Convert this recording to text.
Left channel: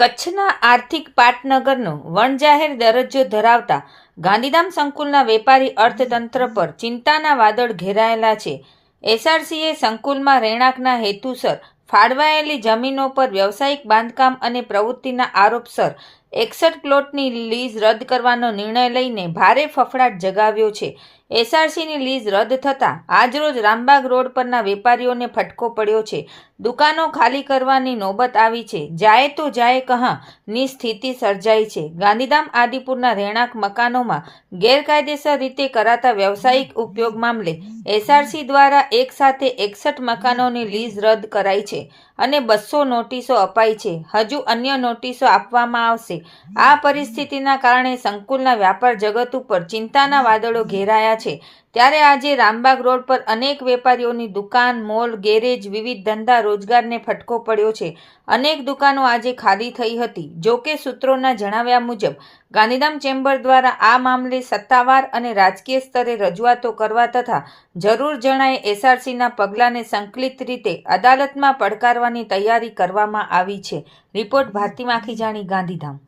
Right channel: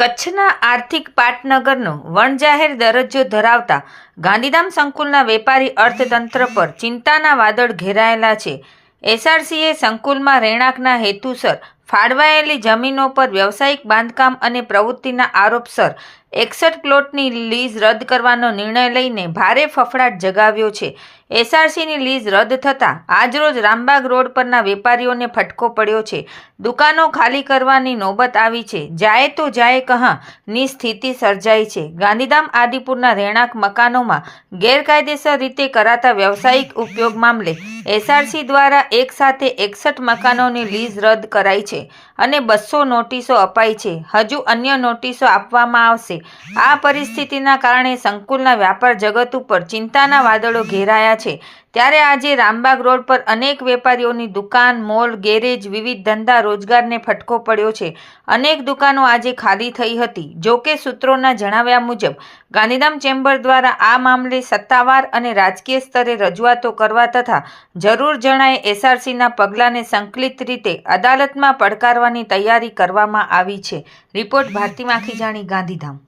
કચ્છના આર્થિક પાટનગરનો વણજાહેર દરજ્જો ધરાવતા ગાંધીધામ સંકુલના વેપારી અર્થતંત્ર પર ચિંતાના વાદળ ઘેરાયેલા છે. એસઆરસીએ સંકુલમાં રહેણાંકના હેતુસર ફાળવાયેલી જમીનો પર વ્યવસાયિક બાંધકામ અને પ્રવૃત્તિના આરોપસર 61 પ્લોટની લીઝ રદ કરવાનો નિર્ણય લઈને ભારે ફફડાટ જગાવ્યો છે. એસઆરસીની લીઝ રદ થતાં આજરોજ રામબાગ રોડ પરના વેપારીઓને ફટકો પડ્યો છે. દુકાનો ખાલી કરવાની નોબત આવી છે. જાય તો જાય કહાની સ્થિતિ સર્જાઈ છે. ગાંધીધામ આદિપુરના રહેણાંક મકાનોમાં ગેરકાયદેસર રીતે કરાતા વ્યવસાયિક ઉપયોગ મામલે એસઆરસી દ્વારા એક સાથે 61 મકાનોની લીઝ રદ કરાઈ છે અને 200 નોટિસો અપાઈ છે. હજુ અન્ય નોટિસો આપવામાં આવશે. આ પરિસ્થિતિના કારણે સંકુલના વ્યાપાર જગત ઉપર ચિંતાના વાદળો ઘેરાયા છે. ત્યારે આજે રામબાગ રોડ પર અનેક વેપારીઓની દુકાન, મોલ, ગેરેજ, વિવિધ ધંધા રોજગારને ફટકો પડ્યો છે. અનેક દુકાનો આજે ખાલી થઈ હતી. જોકે સૂત્રોના જણાવ્યા મુજબ ગાંધીધામ ચેમ્બર દ્વારા આ મામલે સત્તાવાર અને રાજકીય સ્તરે રજૂઆતો કરવા તથા જરૂર જણાય એસઆરસીના પગલાંને સંકલિત રીતે અદાલતમાં પડકારવાની તૈયારી કરવામાં આવી છે. રિપોર્ટ ભારતી માખીજાણી, ગાંધીધામ.